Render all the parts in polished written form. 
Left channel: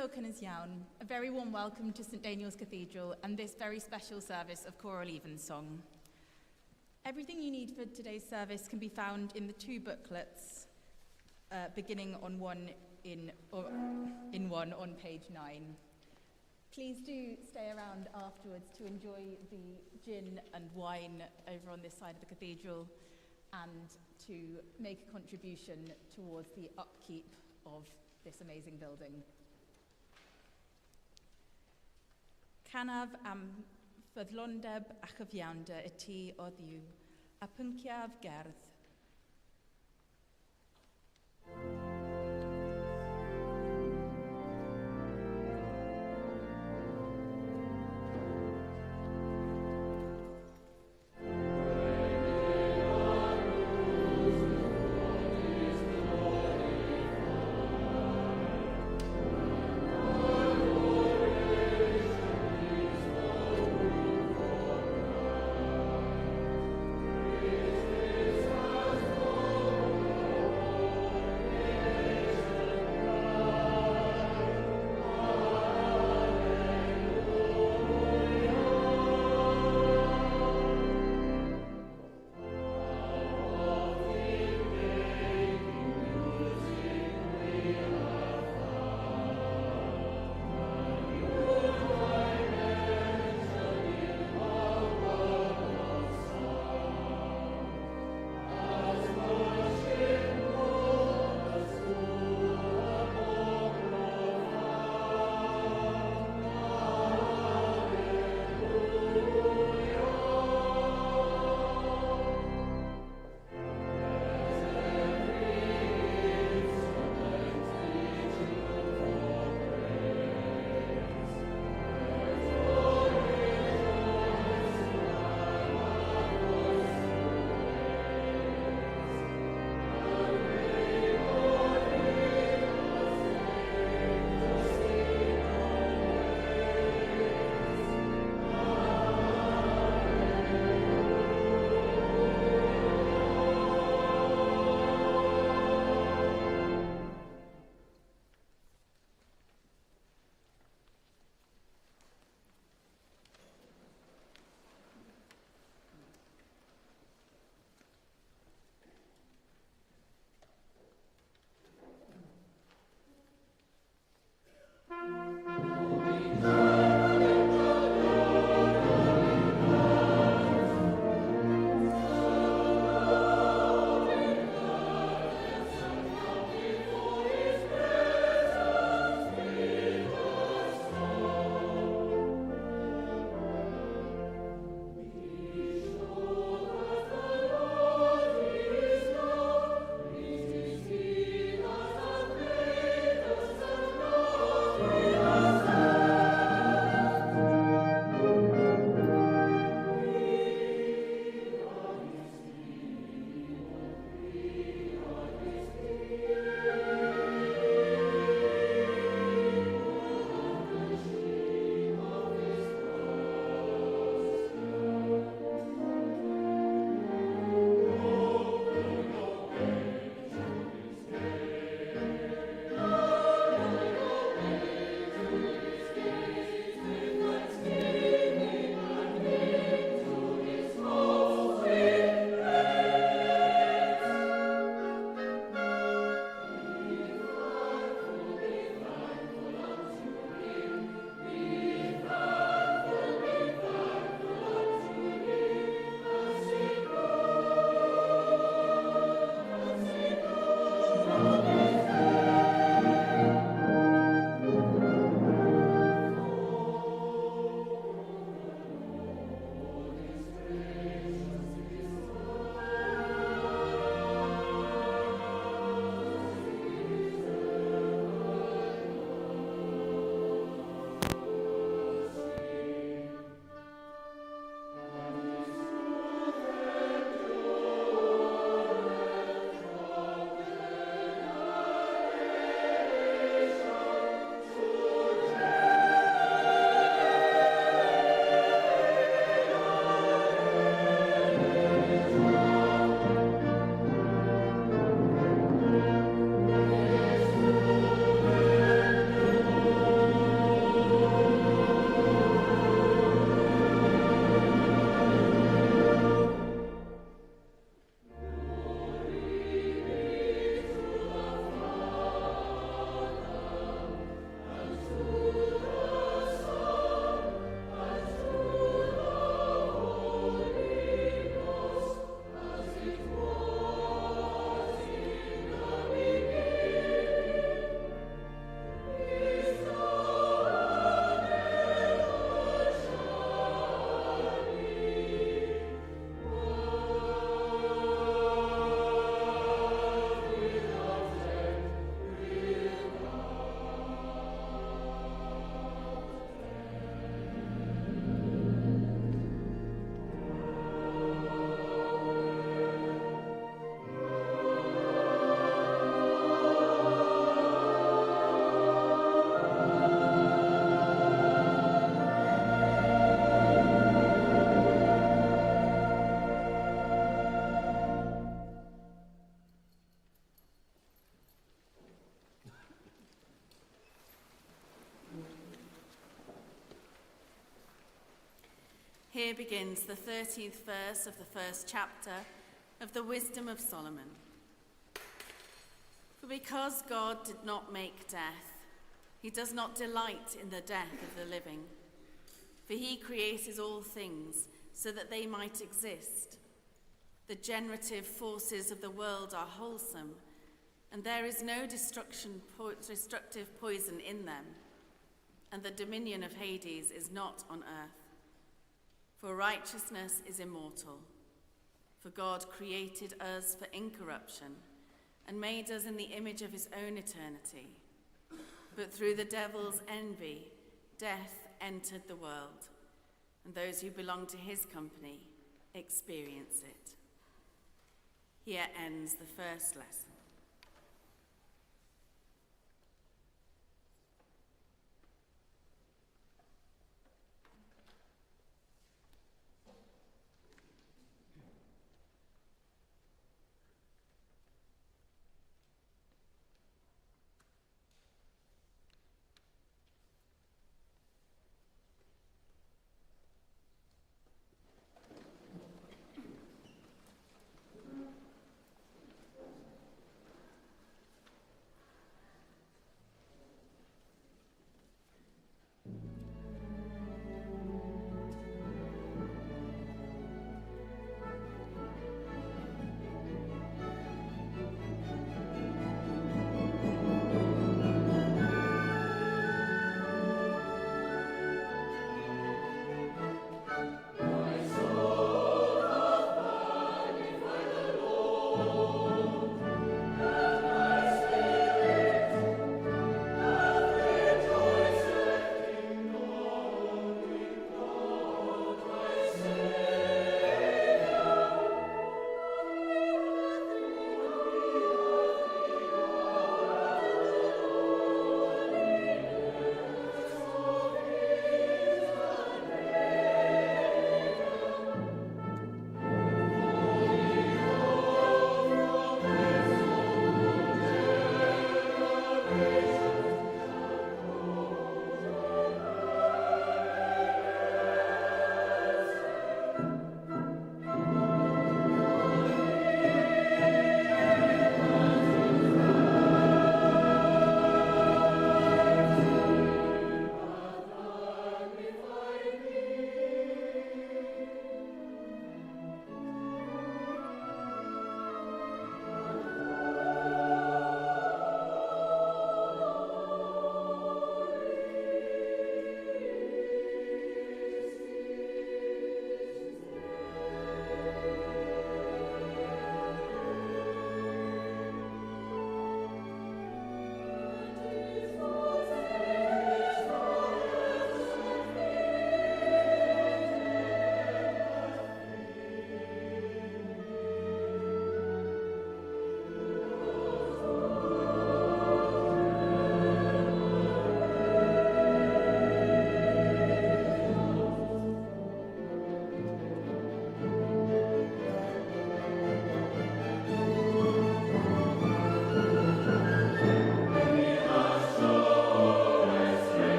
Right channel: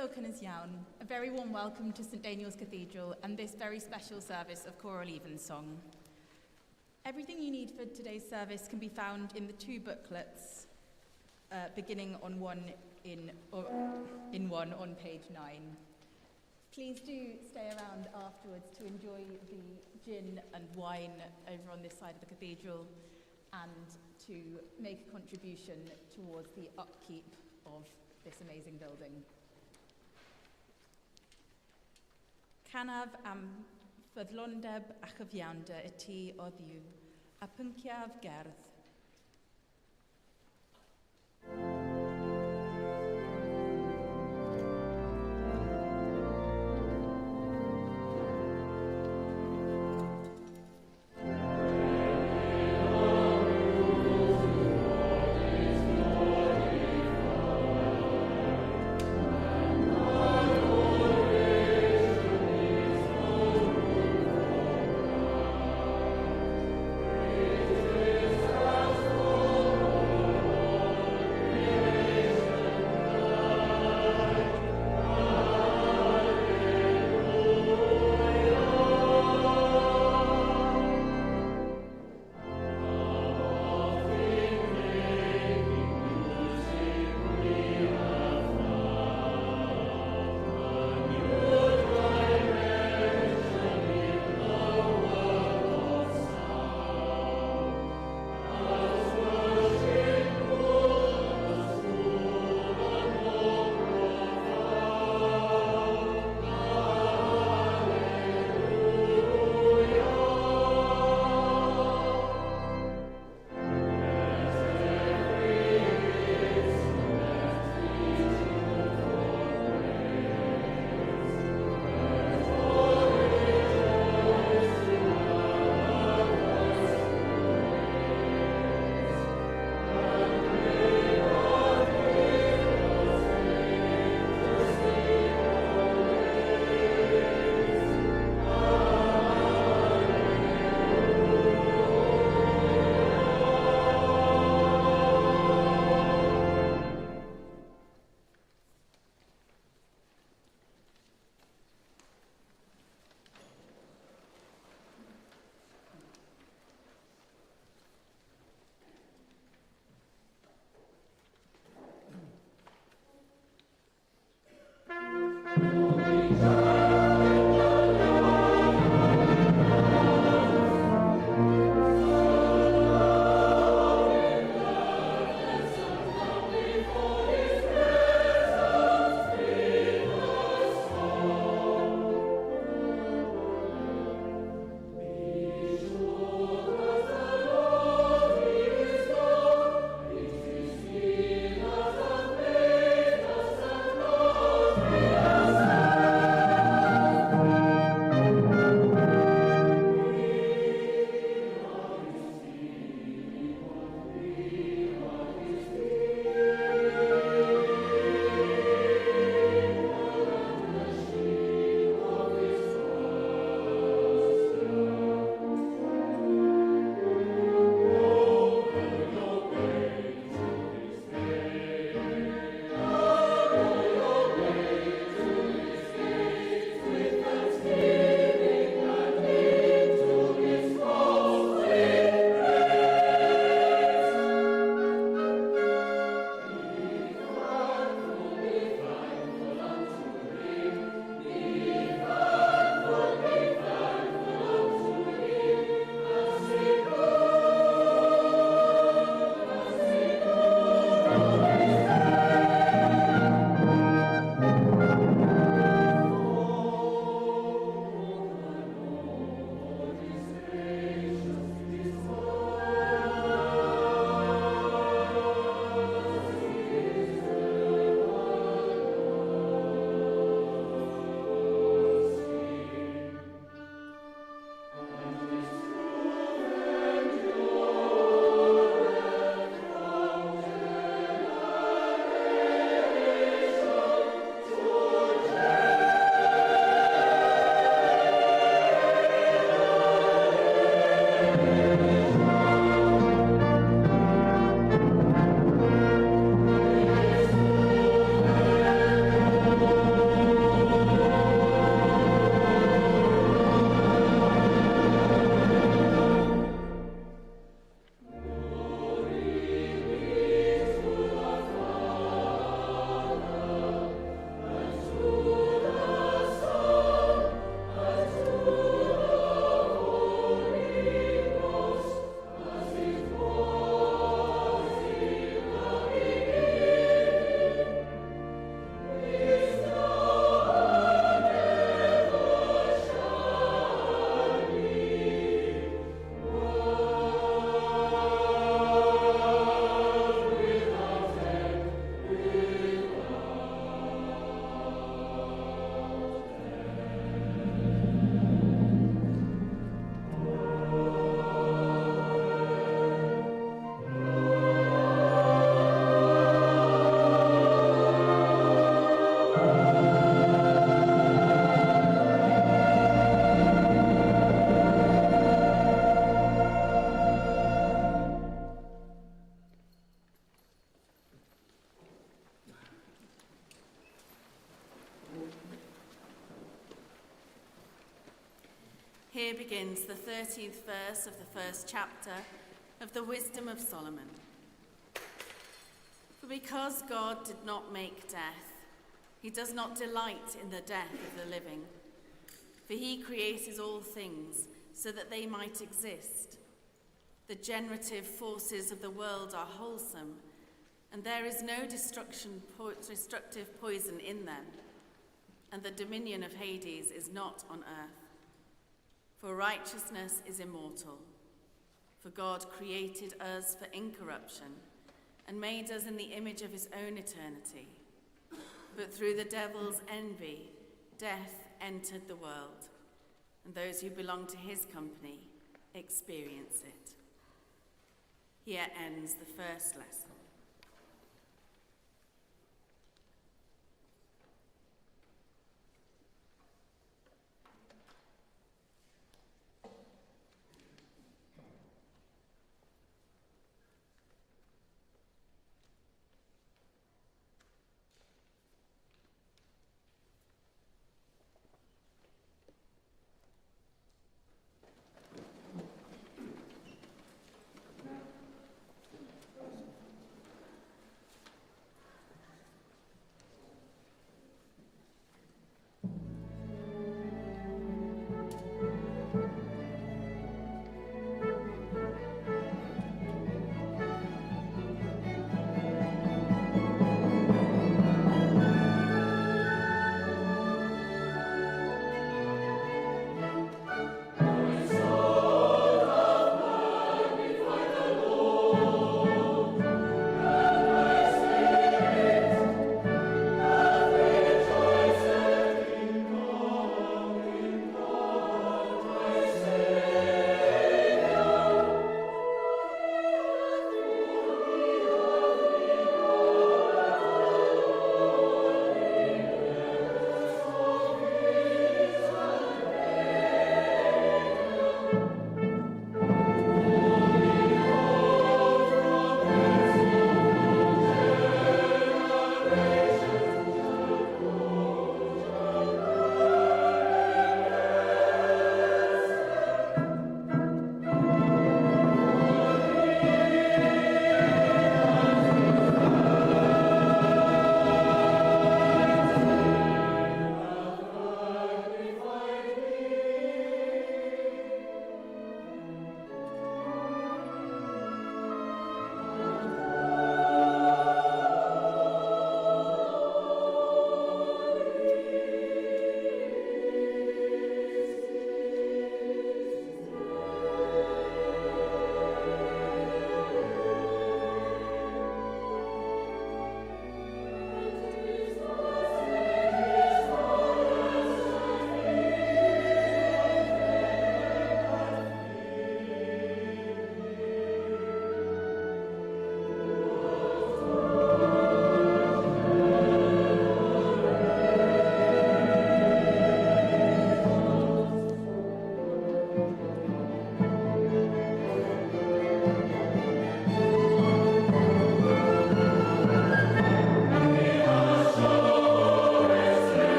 Croeso Iawn, a very warm welcome to St Daniel's Cathedral and this very special service of Choral Evensong. Everything you need for today's service can be found in the two booklets, beginning on one on page 9. Please do stay around afterwards to enjoy the gin and wine over on this side of the cathedral and to make a contribution towards the upkeep of this amazing building. Canaf am ffyddlondeb a chyfiawnder y tŷ o Dduw, a pynciaf gerdd. Praise Here begins the 13th verse of the first chapter of the Wisdom of Solomon. For because God did not make death, he does not delight in the death of the living. For he created all things so that they might exist. The generative forces of the world are wholesome, and there is no destructive poison in them, and the dominion of Hades is not on earth. For righteousness is immortal. For God created us for incorruption and made us in the image of his own eternity. But through the devil's envy, death entered the world, and those who belong to his company experience it. Here ends the first lesson.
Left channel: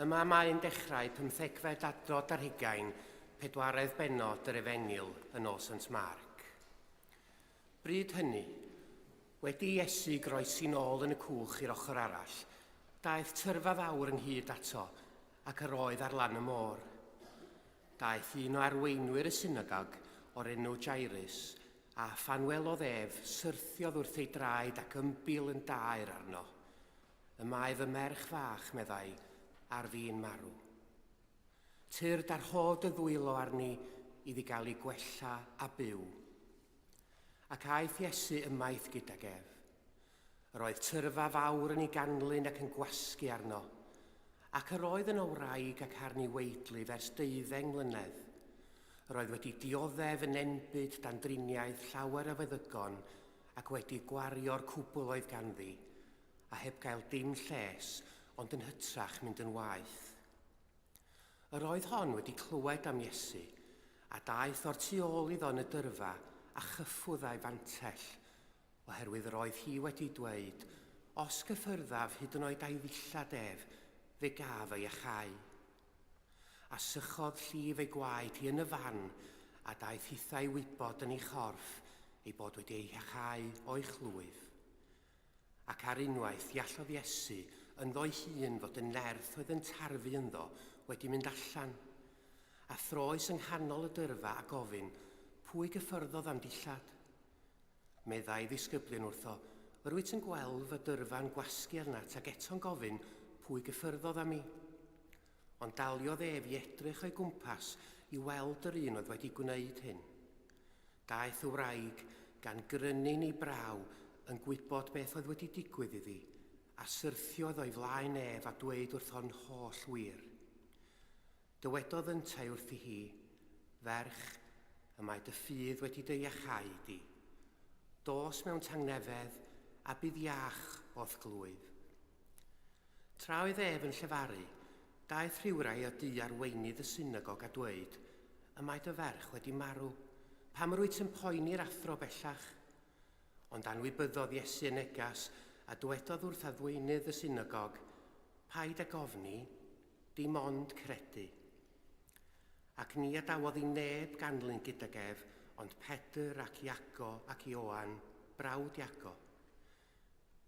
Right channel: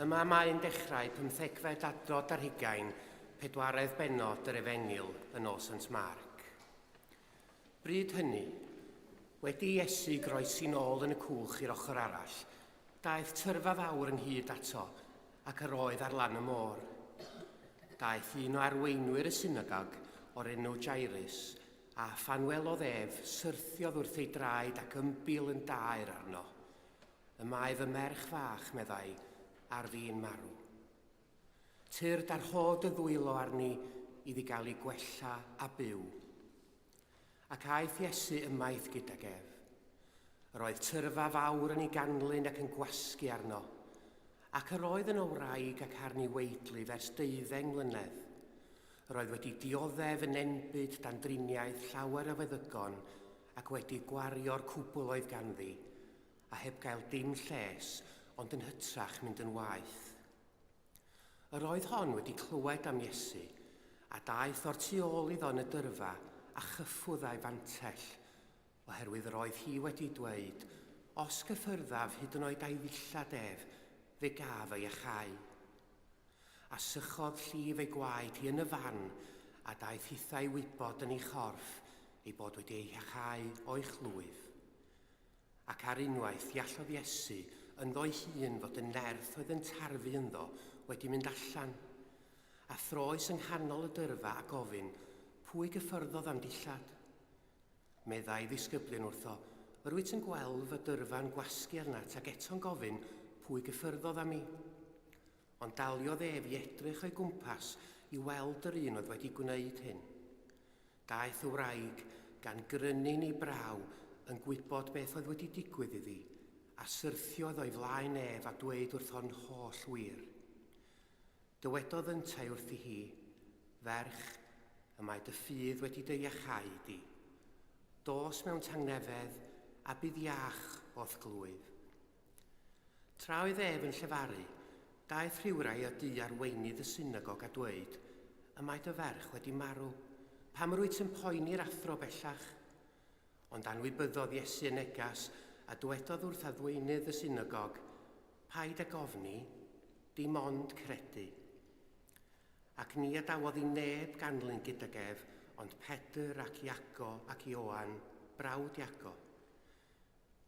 Yma mae'n dechrau 15fed adnod ar 40 bennod yr Efengyl yn Nos St Marc. Bryd hynny, wedi Iesu groesi nôl yn y cwch i'r ochr arall, daeth tyrfa fawr ynghyd ato ac yr oedd ar lan y môr. Daeth un o arweinwyr y synagog o'r enw Jairus a phan welodd ef syrthiodd wrth ei draed ac ymbil yn daer arno. Yma ef y merch fach, meddai, ar fi'n marw. Tyrd ar hod y ddwylo arni iddi gael ei gwella a byw. Ac aeth Iesu ymaith gydag ef. Yr oedd tyrfa fawr yn ei ganlyn ac yn gwasgu arno, ac yr oedd yn wraig ac arni weidlu ers 12 mlynedd. Yr oedd wedi dioddef yn enbyd dan driniaeth llawer o feddygon ac wedi gwario'r cwbl oedd ganddi, a heb gael dim lles, ond yn hytrach mynd yn waeth. Yr oedd hon wedi clywed am Iesu, a daeth o'r tu ôl iddo yn y dyrfa a chyffwdd a'i fantell, oherwydd yr oedd hi wedi dweud, os gyffyrddaf hyd yn oed a'i ddillad ef, fe gaf ei achau. A sychodd llif ei gwaed hi yn y fan, a daeth hithau wybod yn ei chorff, ei bod wedi ei achau o'i chlwyf. Ac ar unwaith iallodd Iesu, ynddo ei hun fod y nerth oedd yn tarfu ynddo wedi mynd allan, a throes yng nghanol y dyrfa a gofyn, pwy gyffyrddodd am dillad? Meddai ddisgyblion wrtho, rwyt yn gweld fy dyrfa'n gwasgu arnat ac eto'n gofyn, pwy gyffyrddodd am i? Ond daliodd ef i edrych o'i gwmpas i weld yr un oedd wedi gwneud hyn. Daeth y wraig gan grynu'n ei braw yn gwybod beth oedd wedi digwydd iddi, a syrthiodd o'i flaen ef a dweud wrtho'n holl wir. Dywedodd yntai wrthi hi, ferch, y mae dy ffydd wedi dy iachau di. Dos mewn tangnefedd a bydd iach o'th glwyf. Tra oedd ef yn llefaru, daeth rhywrai o du arweinydd y synagog a dweud, y mae dy ferch wedi marw, pam rwyt yn poeni'r athro bellach? Ond anwybyddodd Iesu yn negas, a dywedodd wrth adweinydd y synagog, paid â gofni, dim ond credu. Ac ni adawodd i neb ganlyn gydag ef, ond Pedr ac Iago ac Ioan, brawd Iago.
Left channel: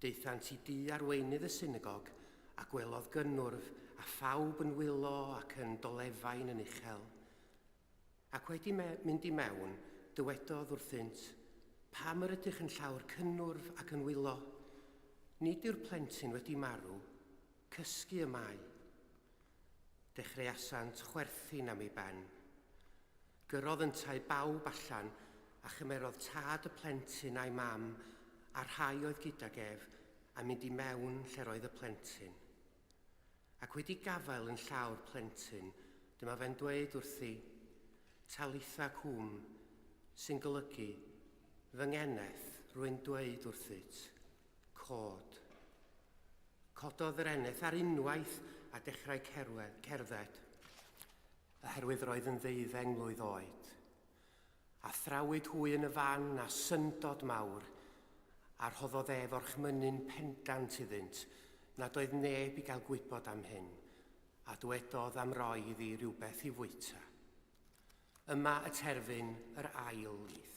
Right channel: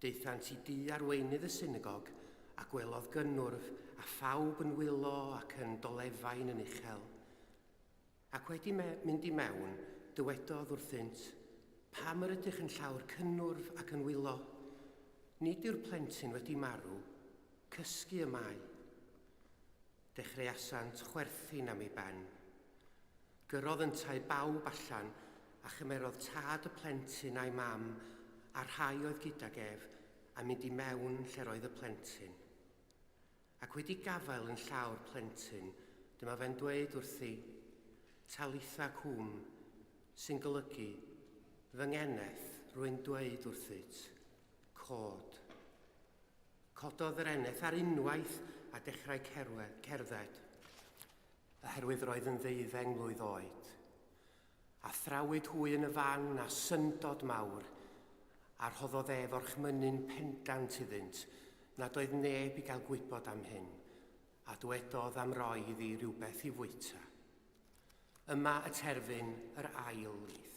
Deithant i du arweinydd y synagog, a gwelodd gynnwrf a phawb yn wylo ac yn dolefain yn uchel. Ac wedi mynd i mewn, dywedodd wrthynt, pam yr ydych yn llawr cynnwrf ac yn wylo? Nid yw'r plentyn wedi marw, cysgu y mae. Dechreuasant chwerthin am ei ben. Gyrodd yntai bawb allan a chymerodd tad y plentyn a'i mam a'r rhai oedd gydag ef a mynd i mewn lle roedd y plentyn. Ac wedi gafael yn llawr plentyn, dyma fe'n dweud wrthi, talitha cwm, sy'n golygu, fy ngeneth rwy'n dweud wrthyt, cod. Cododd yr eneth ar unwaith a dechrau cerdded, oherwydd roedd yn 12 mlwydd oed. A thrawyd hwy yn y fan a syndod mawr, a rhoddodd ef o'r chmynnu'n pendant iddynt nad oedd neb i gael gwybod am hyn, a dywedodd am roi iddi rhywbeth i fwyta. Yma y terfyn yr ail lith.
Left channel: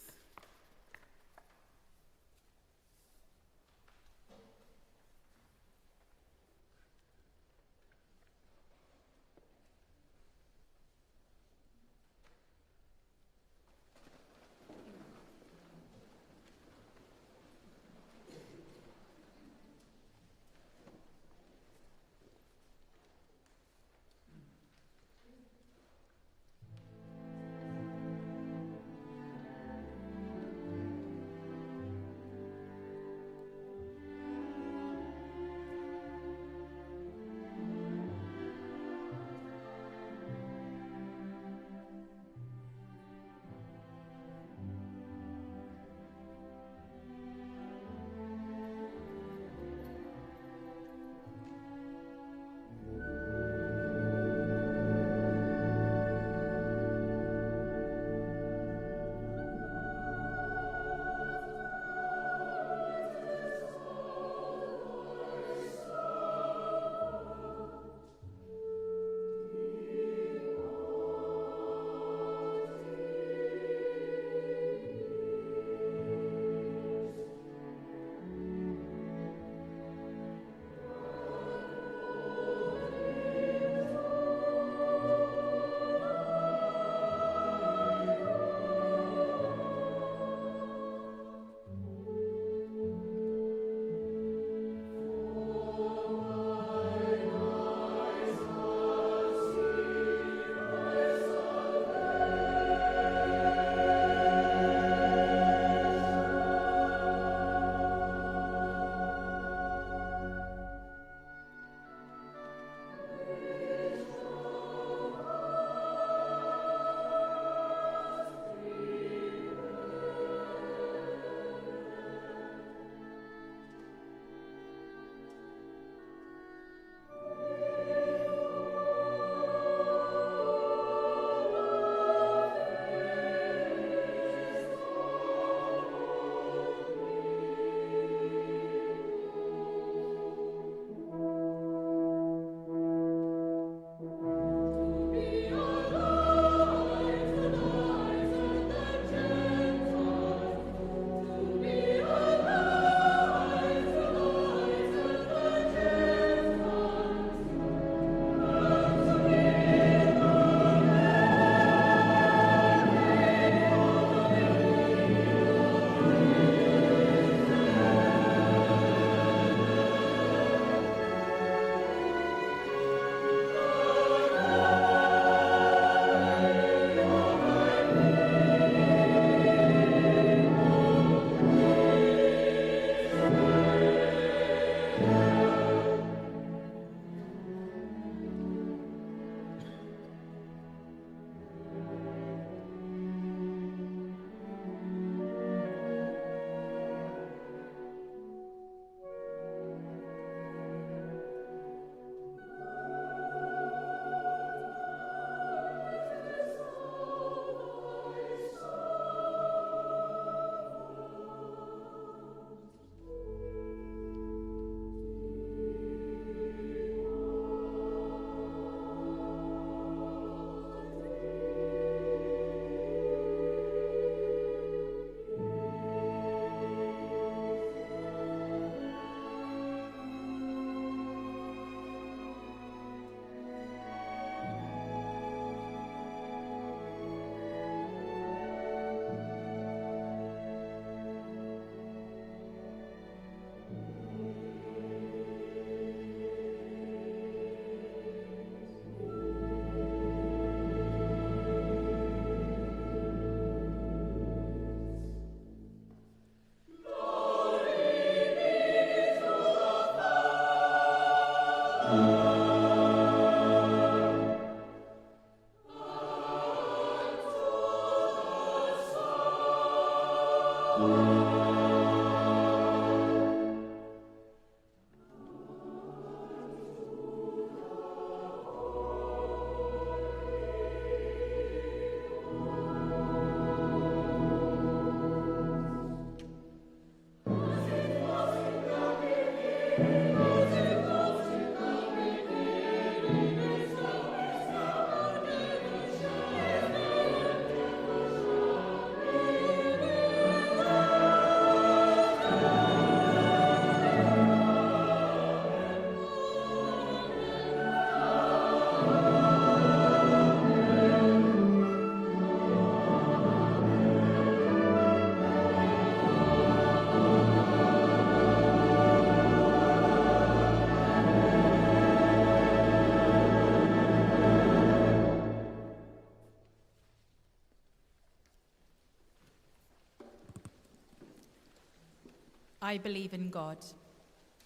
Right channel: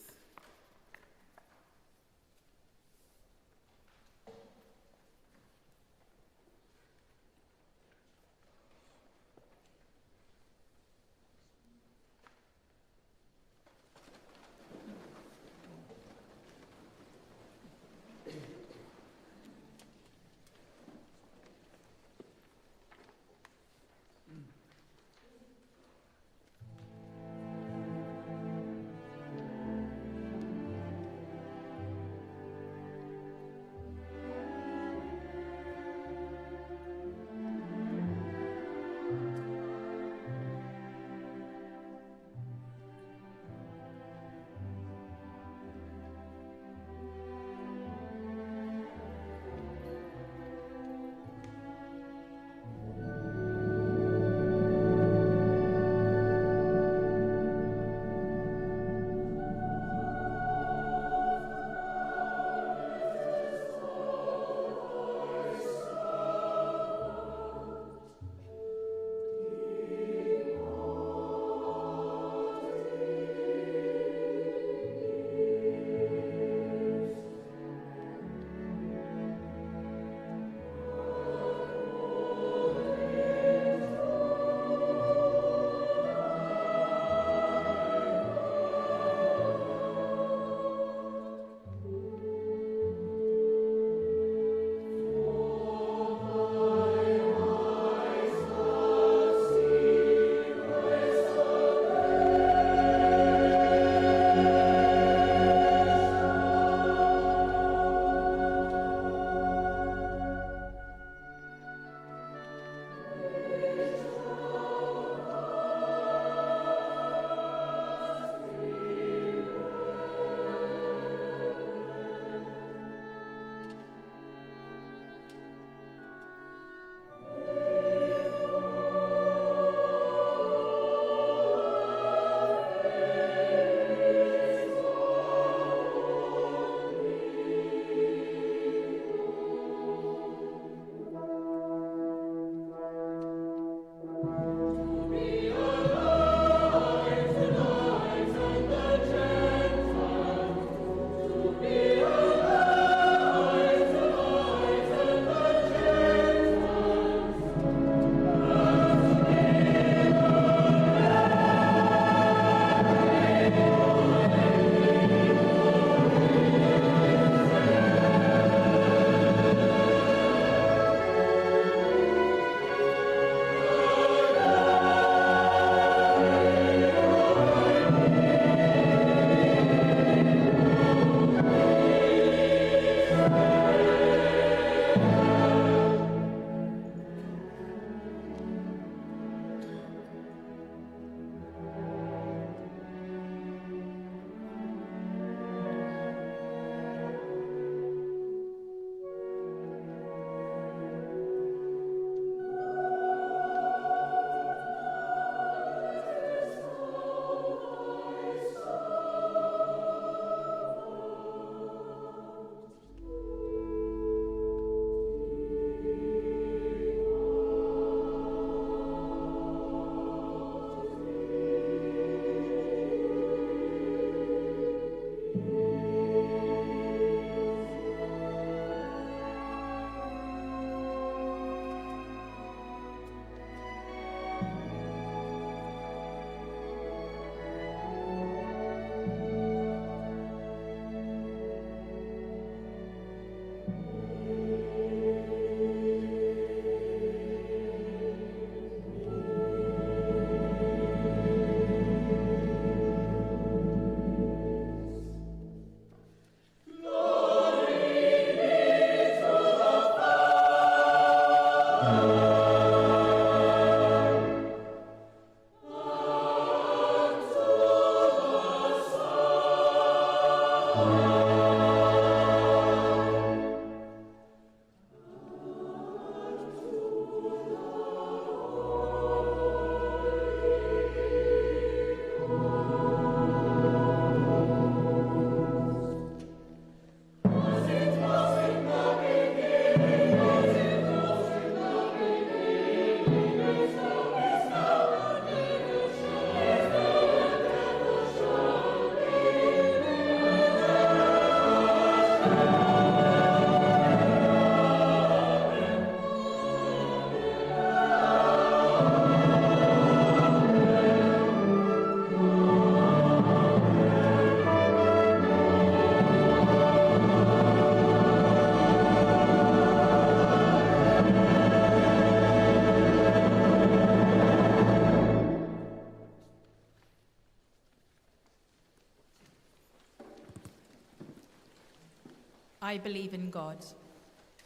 I believe in God,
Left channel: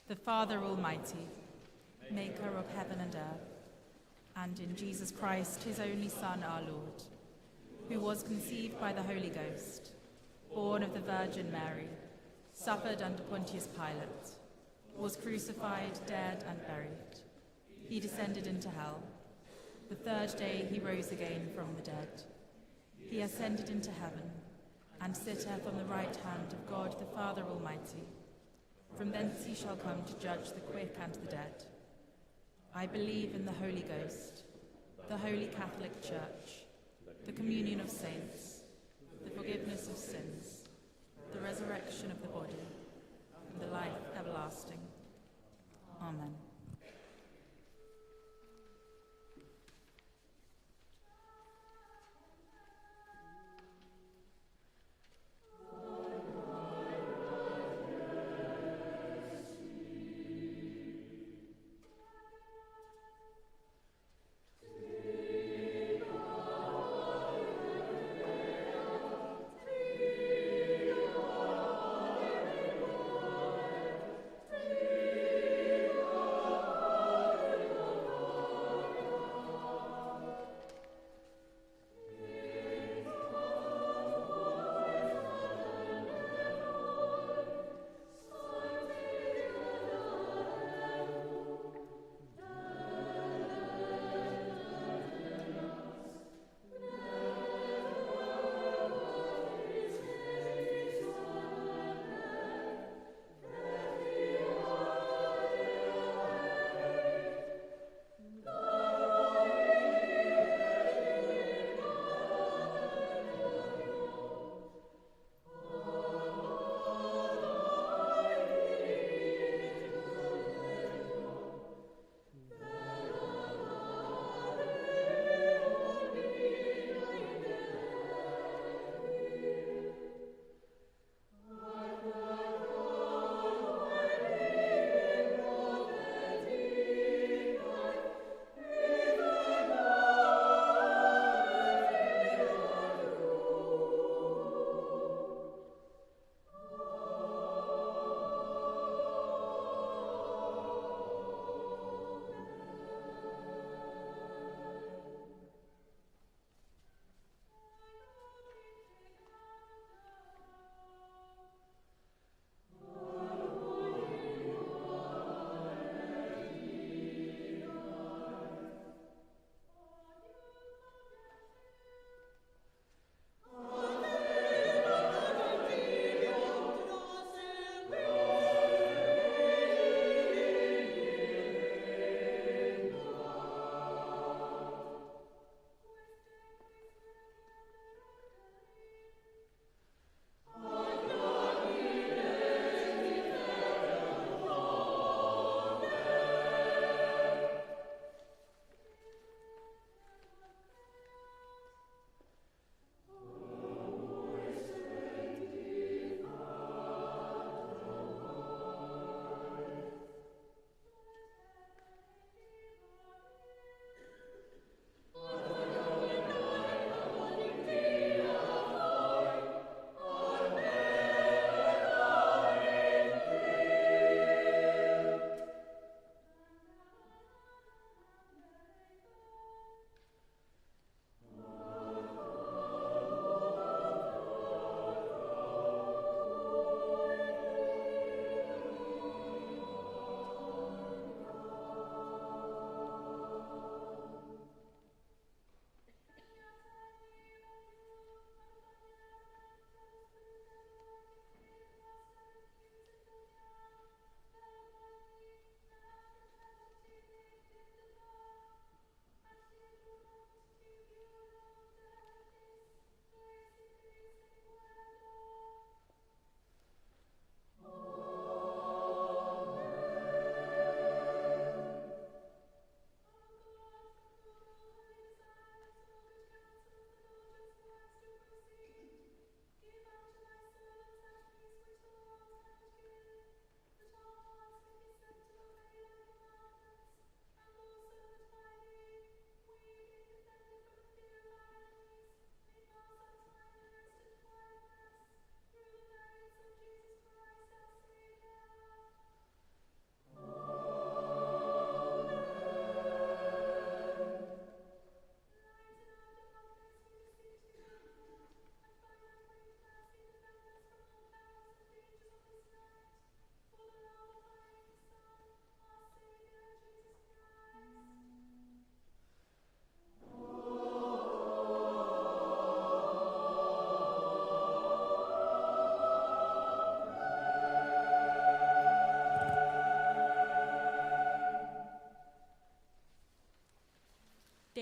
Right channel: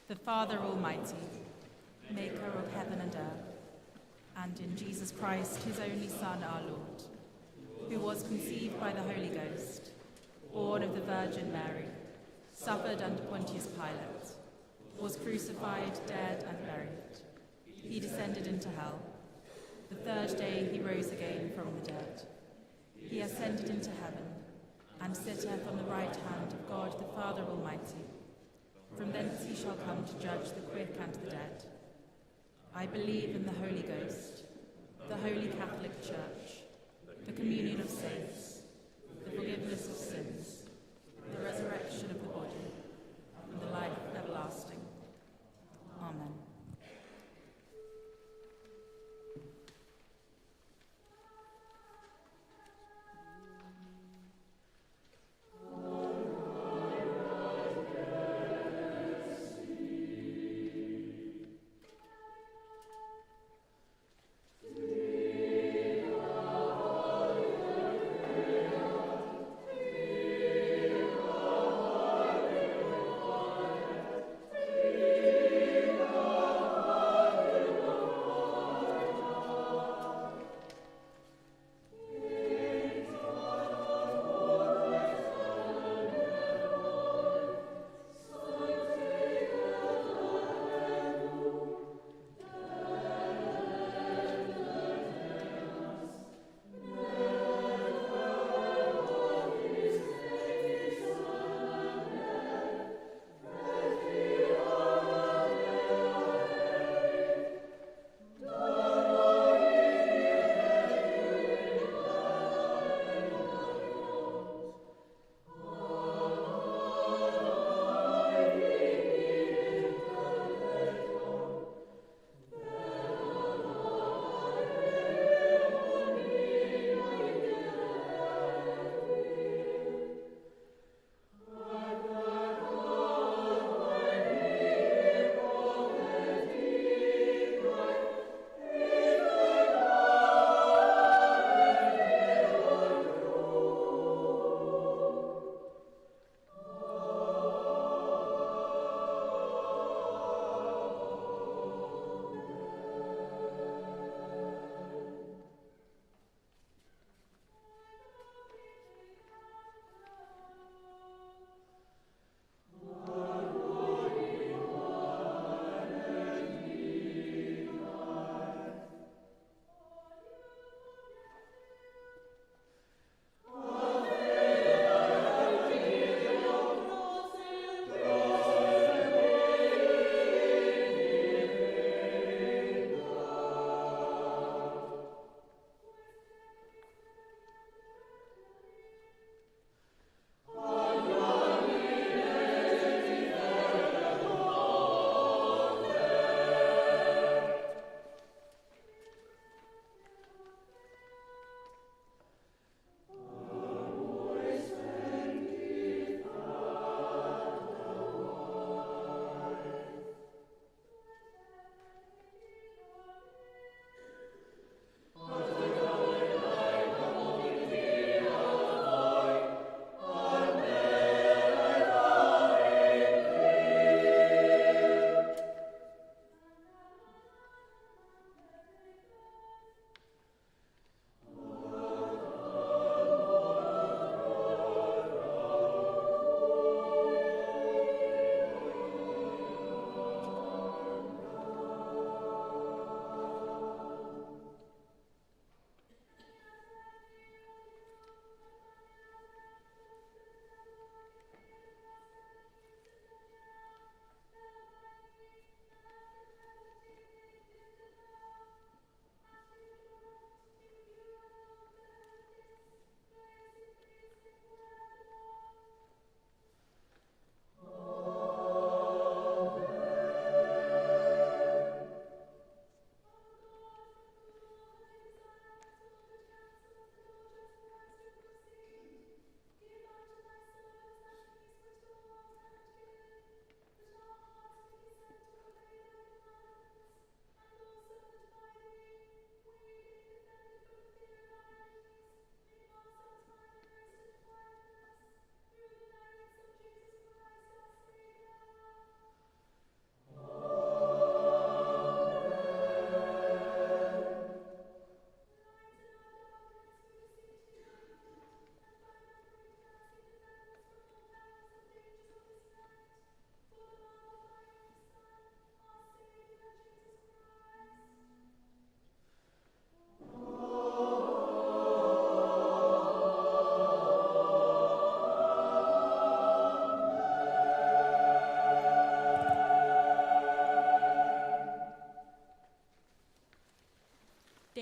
the Father Almighty, maker of heaven and earth, and in Jesus Christ, his only Son, our Lord, who was conceived by the Holy Ghost, born of the Virgin Mary, suffered under Pontius Pilate, was crucified, dead, and buried. He descended into hell. The third day he rose again from the dead. He ascended into heaven, and sitteth on the right hand of God the Father Almighty. From thence he shall come to judge the quick and the dead. I believe in the Holy Ghost, the Holy Catholic Church, the communion of saints, the forgiveness of sins, the resurrection of the body, and the life everlasting. Amen.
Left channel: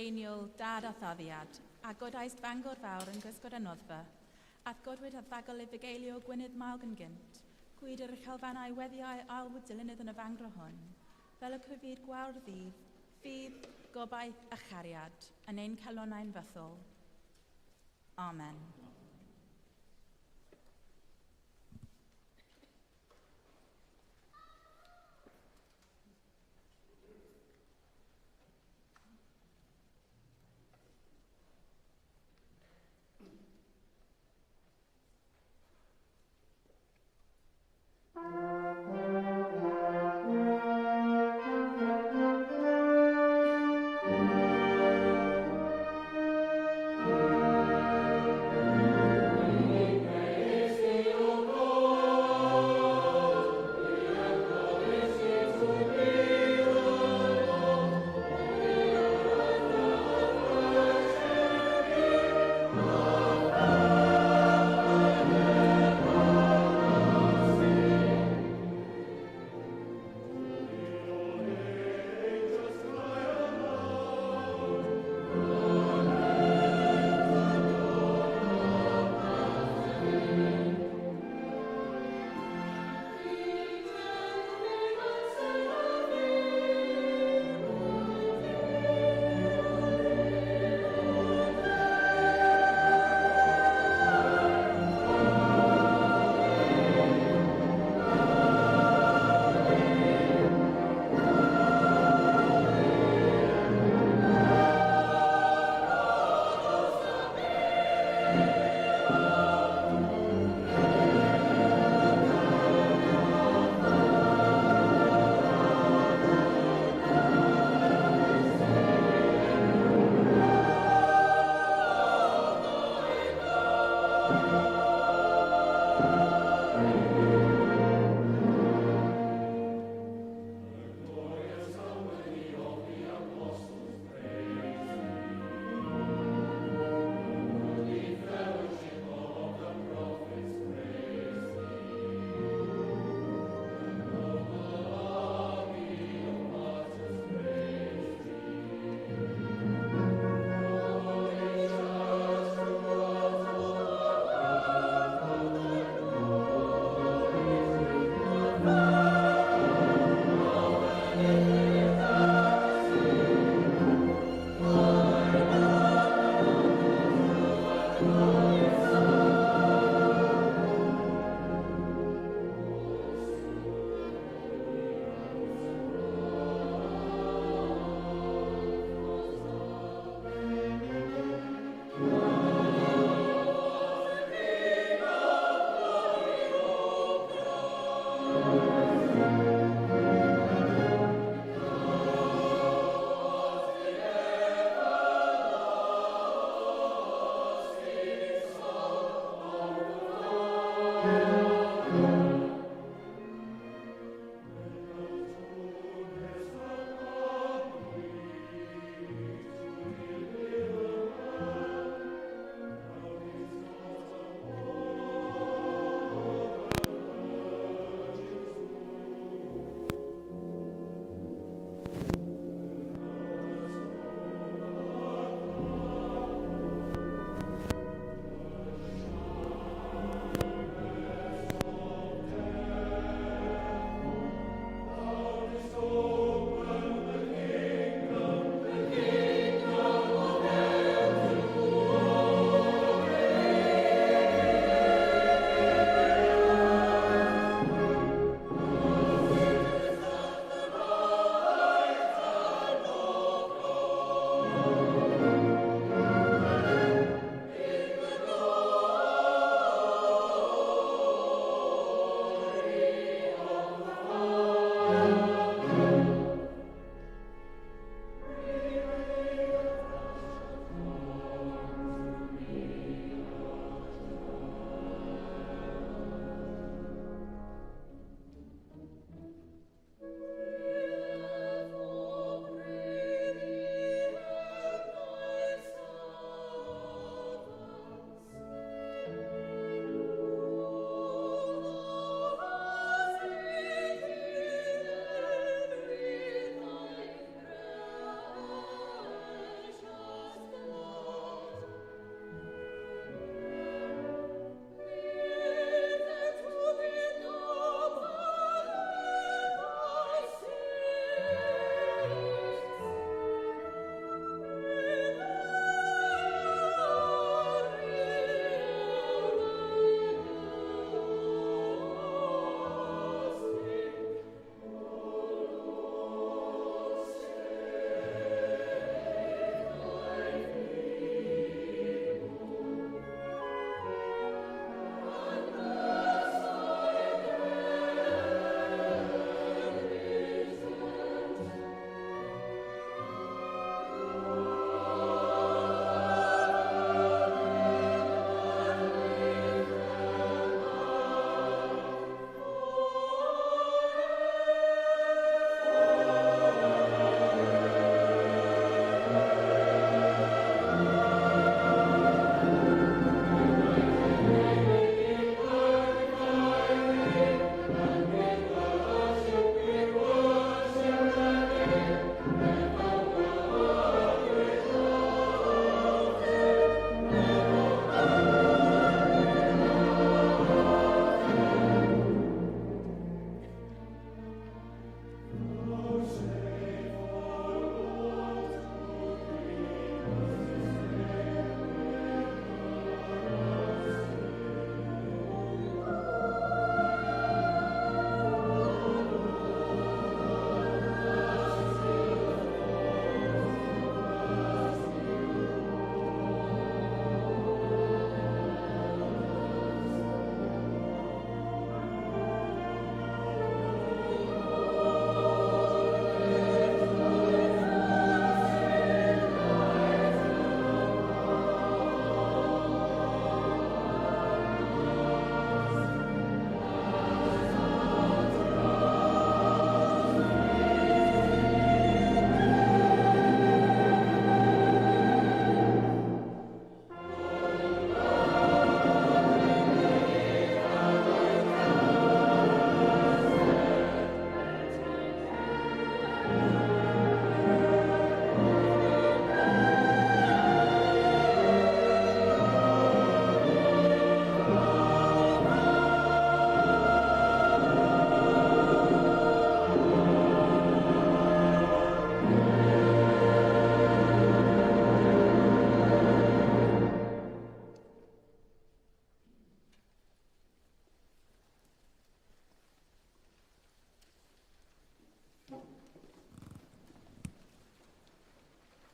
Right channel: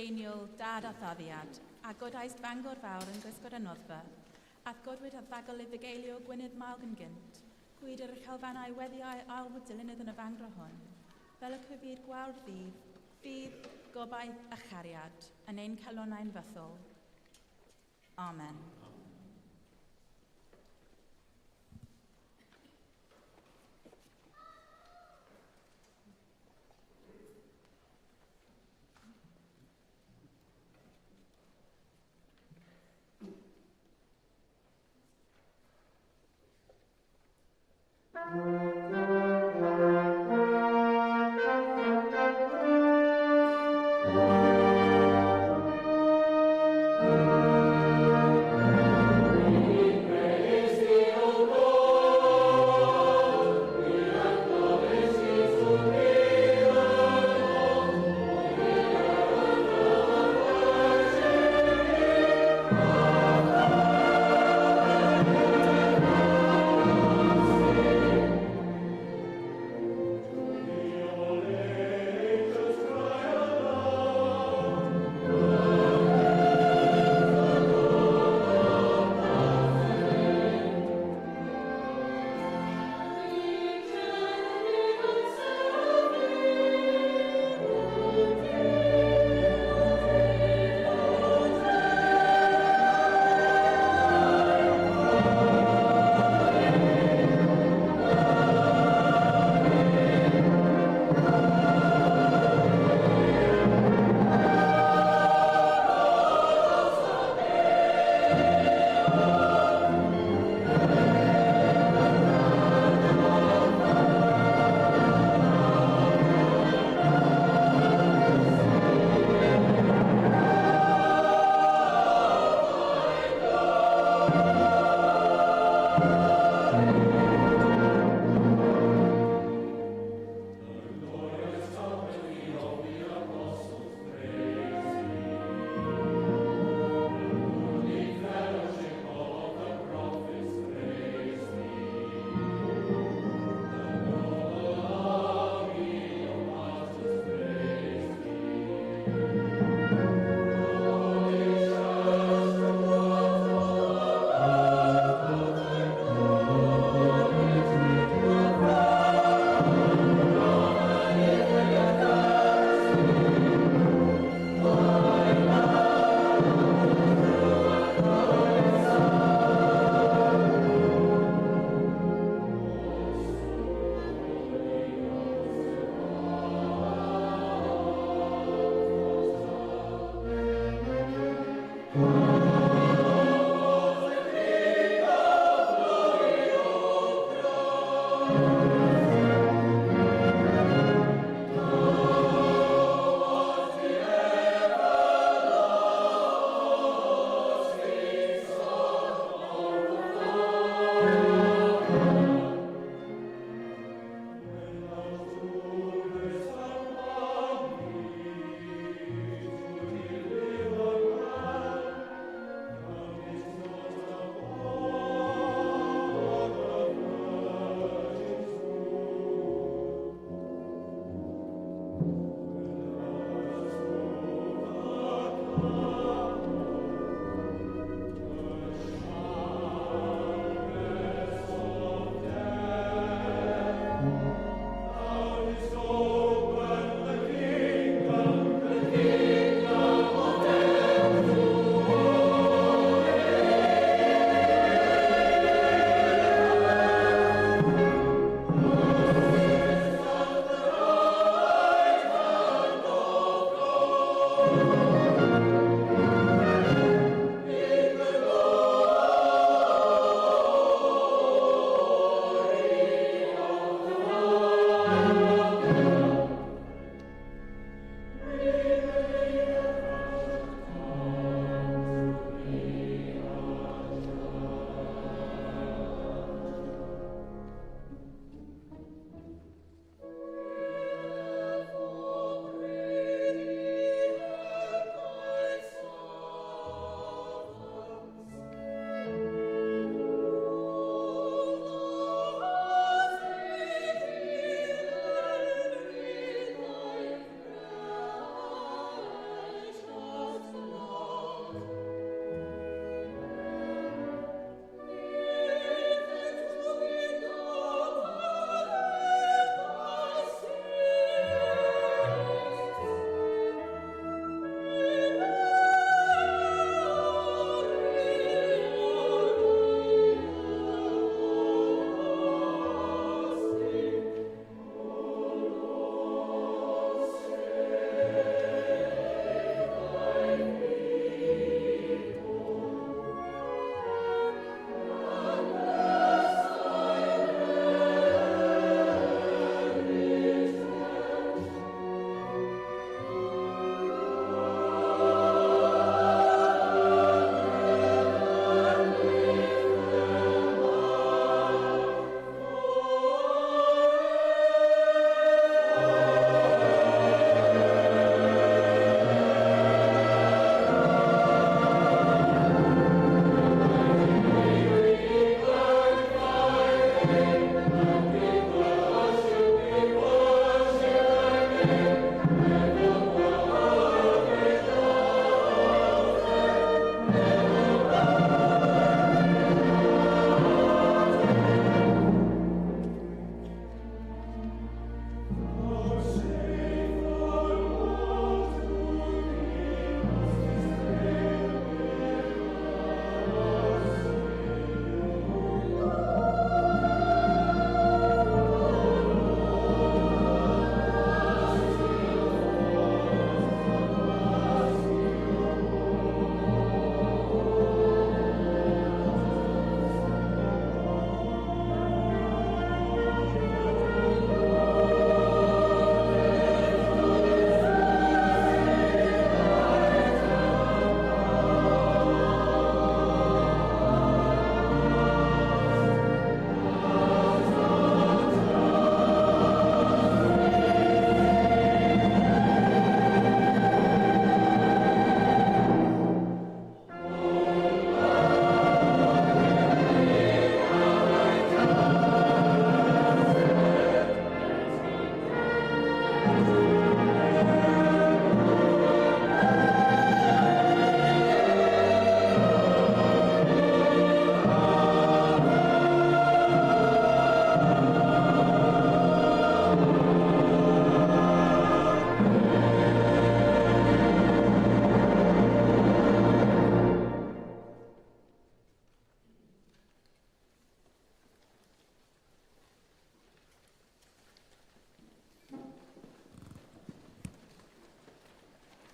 greiniol dad a thaddiad, a godaist fangor fawr yn gwisgod y noddfa, ath godwyd a ddagol i fugeilio gwynydd malg yn gynt, gwyd yr uchelfannau weddiau alwyd dilynydd yn y fangro hwn, fel y cyfyd gwawr ddydd, fydd gobaith a chariad, yn ein calonau'n fythol. Amen.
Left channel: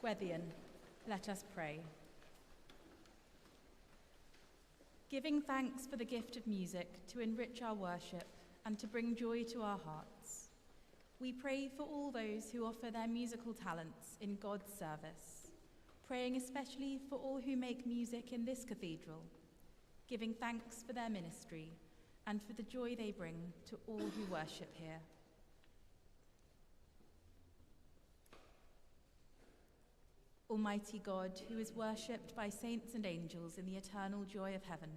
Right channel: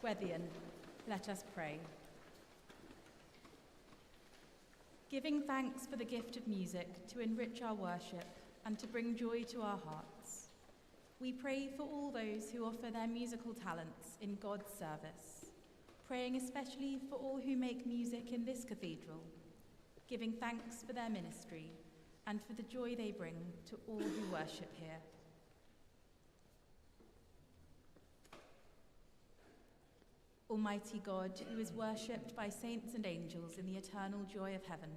Gweddian, let us pray. Giving thanks for the gift of music to enrich our worship and to bring joy to our hearts, we pray for all those who offer their musical talents in God's service, praying especially for all who make music in this cathedral, giving thanks for their ministry and for the joy they bring to all who worship here. Almighty God, who is worshipped by saints and angels in the eternal joy of heaven,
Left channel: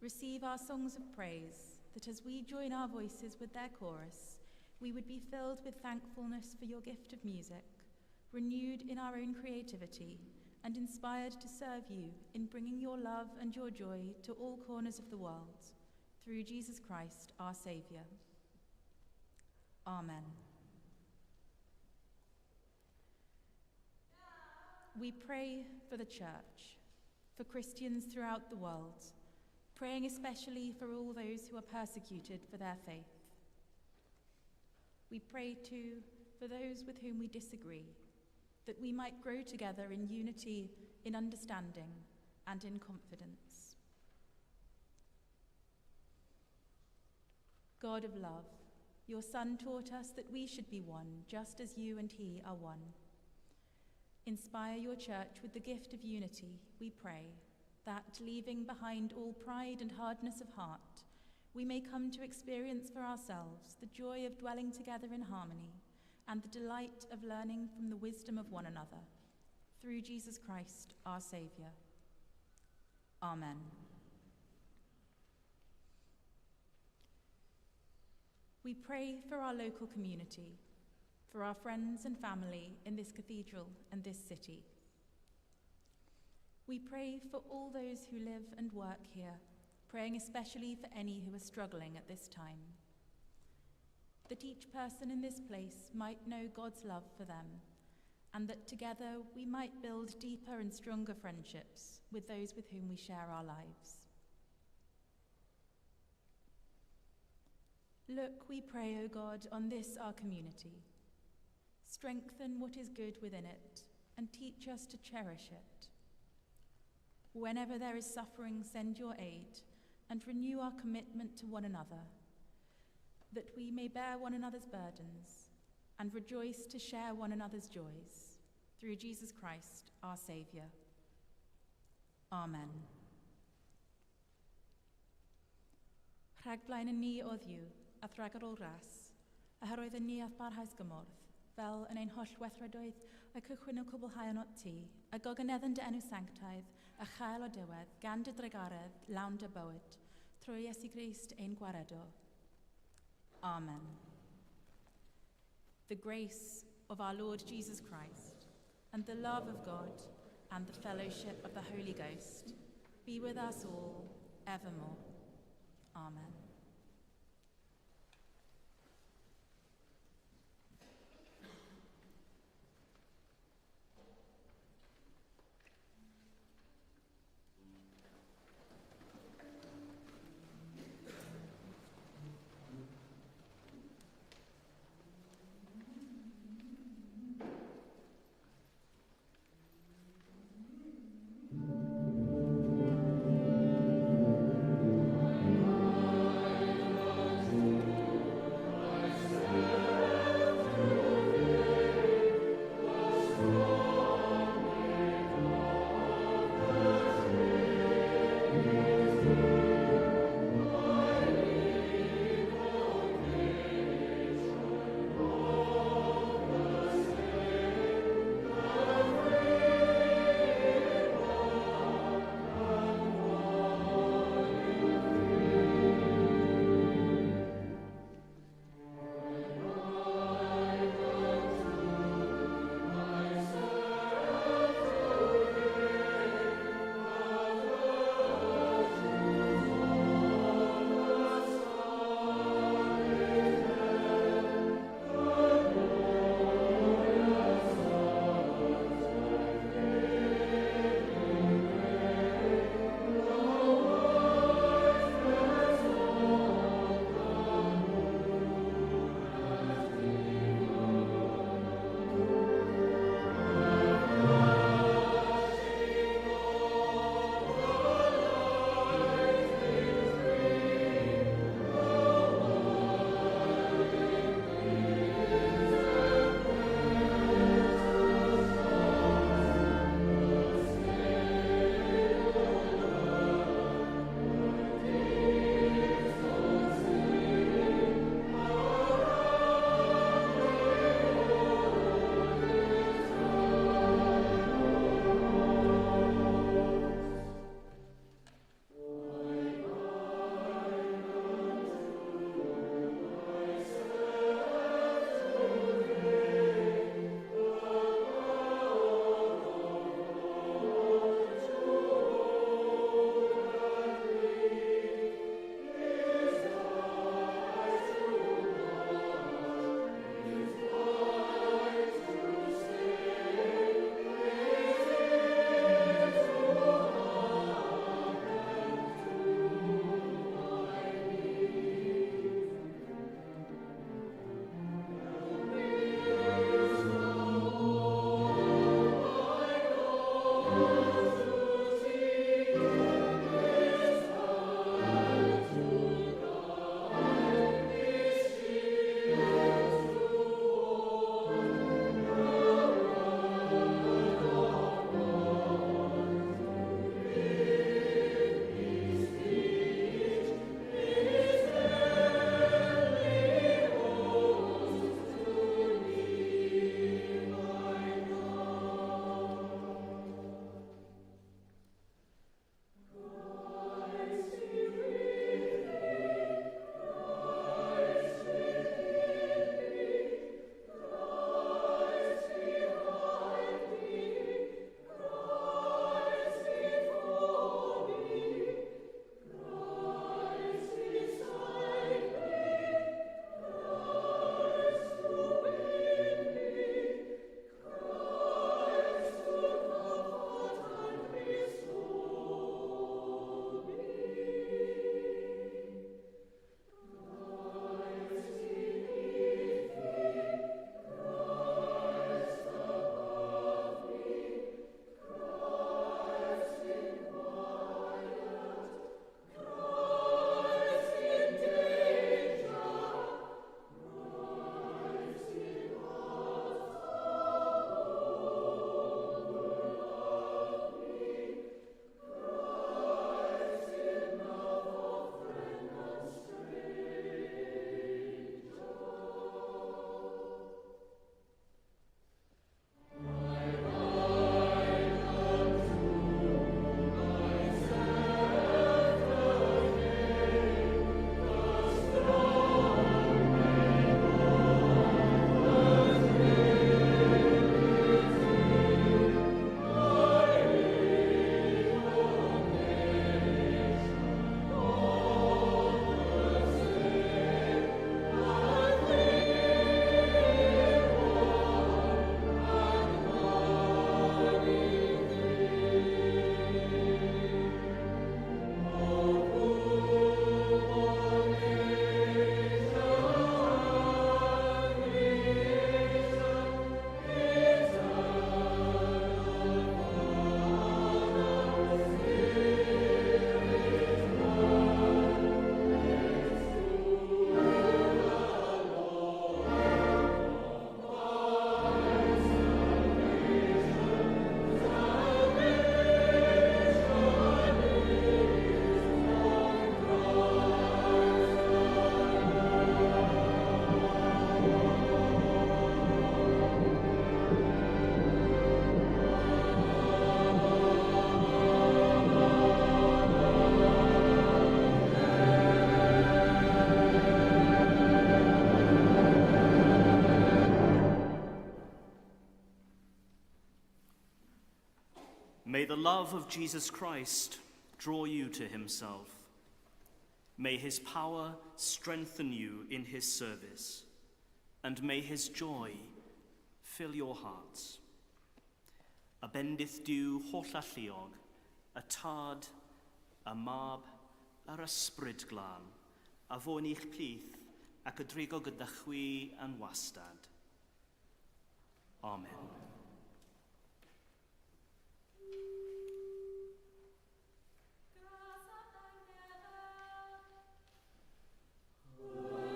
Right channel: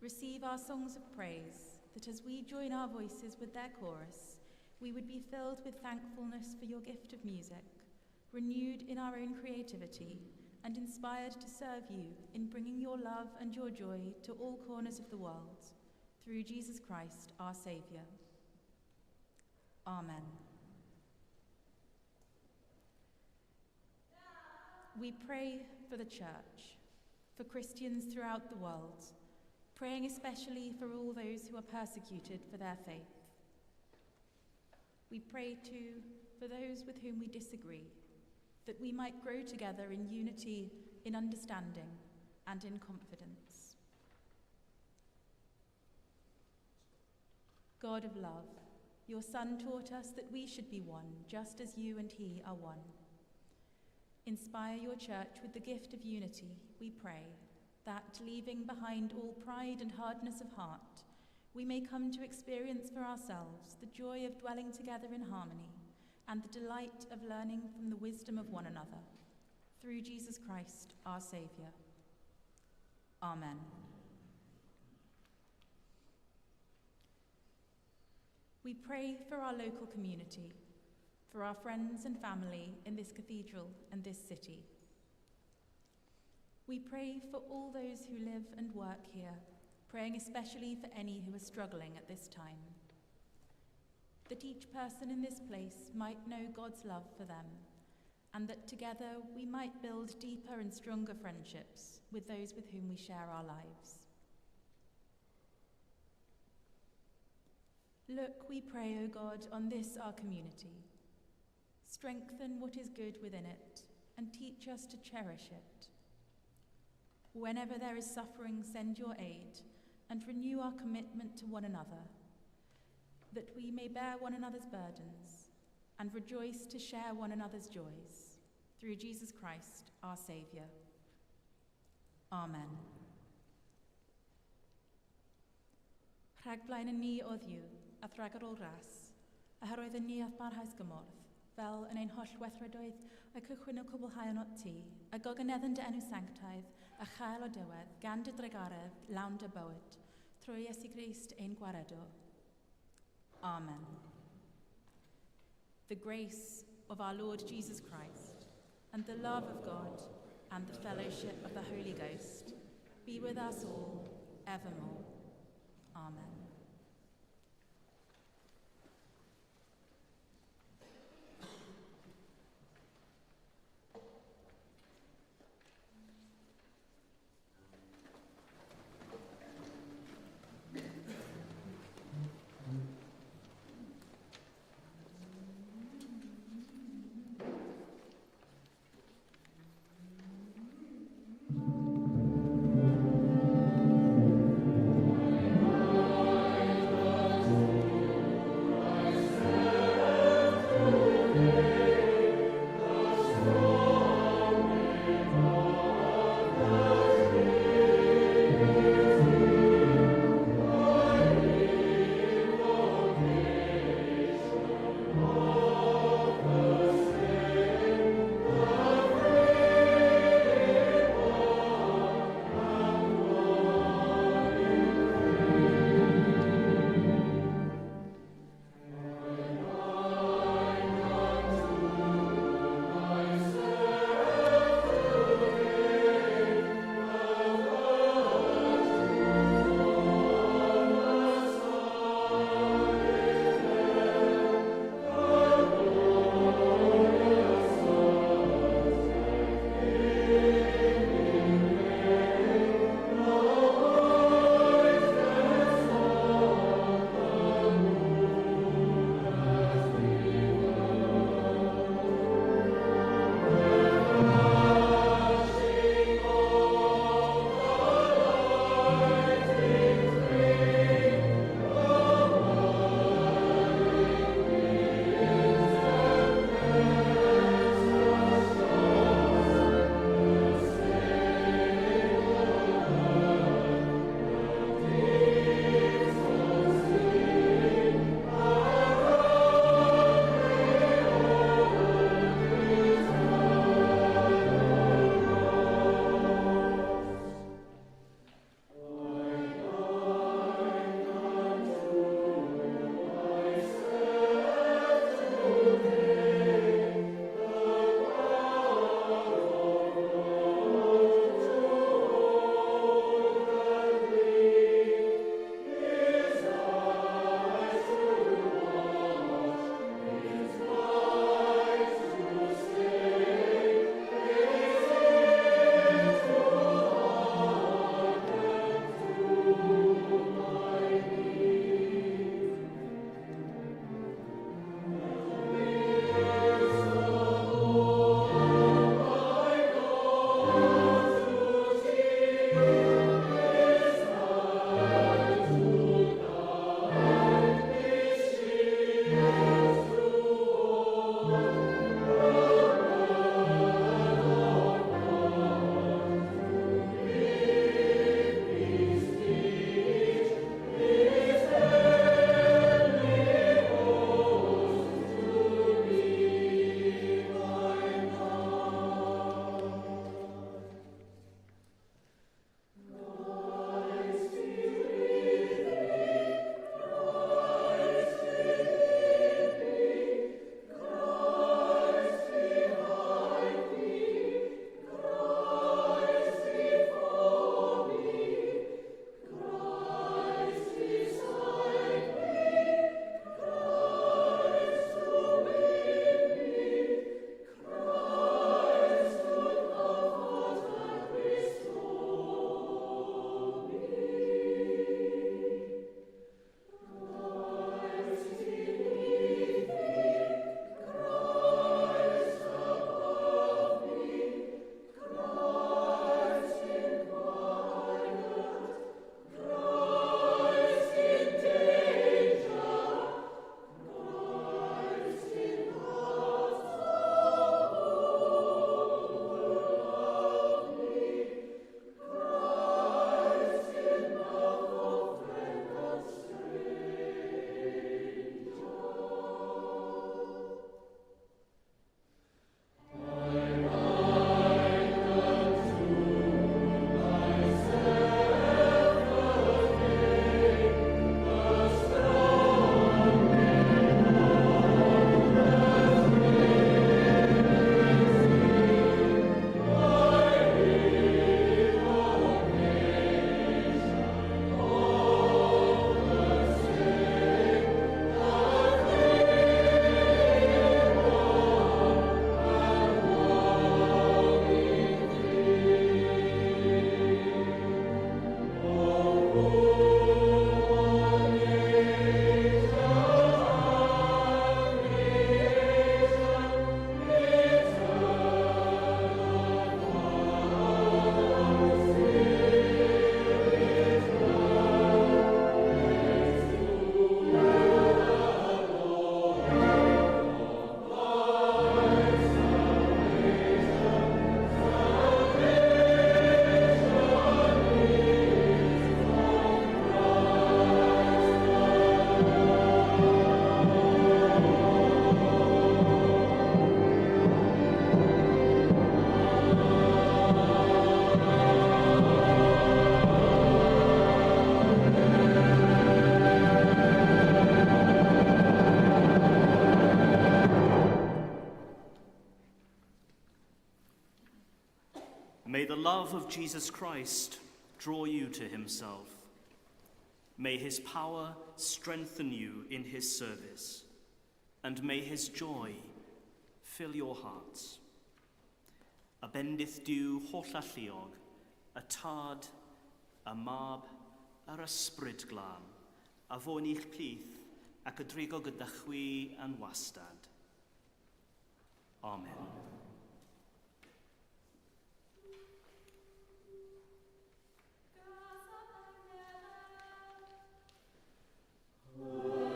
receive our songs of praise, that as we join our voices with their chorus, we would be filled with thankfulness for your gift of music, renewed in our own creativity, and inspired to serve you in bringing your love and your joy to all corners of the world, through Jesus Christ, our Saviour. Amen. We pray for the Church, for Christians throughout the world, praying especially for all those who are persecuted for their faith. We pray too for those with whom we disagree, that we might grow together in unity, in understanding, and in confidence. God of love, your Son taught us that we should be one, just as you and he are one. Inspire your Church with the gift of unity, we pray, that, leaving behind all pride and hardness of heart, we may come to experience for ourselves the joy of dwelling together in harmony and the delight of learning from the wisdom of one another. Through Jesus Christ, our Saviour. Amen. We pray for our local community, for our friends and family in this cathedral and this city. We pray for all those who live and work here, praying especially for any who are struggling at this time, that each person in this place might know God's love for them, and that together we might build deeper and stronger friendships with those with whom we share our lives. Look, we pray, O God, on this our community. Strengthen what is good within it, and teach us to cherish it. Whenever there is suffering, send your aid, and renew our commitment to one another, that we may bear one another's burdens, and rejoice to share one another's joys. Through Jesus Christ, our Saviour. Amen. Rhagflaen yn ni o Dduw, a thragar o'r ras, a hyroedd yn ni ath barhaus gymorth, fel yn ein holl weithredoedd a cychwyn o cwblhau yn ot ti, a gogyneddyn dy enw sanctaidd, a chael o diwedd, gan dy dregaredd, lawn dy bywyd, trwy Iesu Grist ein gwaredo. Amen. The grace of our Lord Jesus Christ, and the love of God, and the fellowship of the Holy Ghost, be with us all, evermore. Amen. May the love of Jesus Christ draw you to himself. May his power strengthen you in his service, and may his joy fill your hearts. A bendith Duw holl alluog, y tad, y mab, yr ysbryd glân, a fo'n i'ch plith ac y drigo gyda chwi yn wastad. Amen. Amen.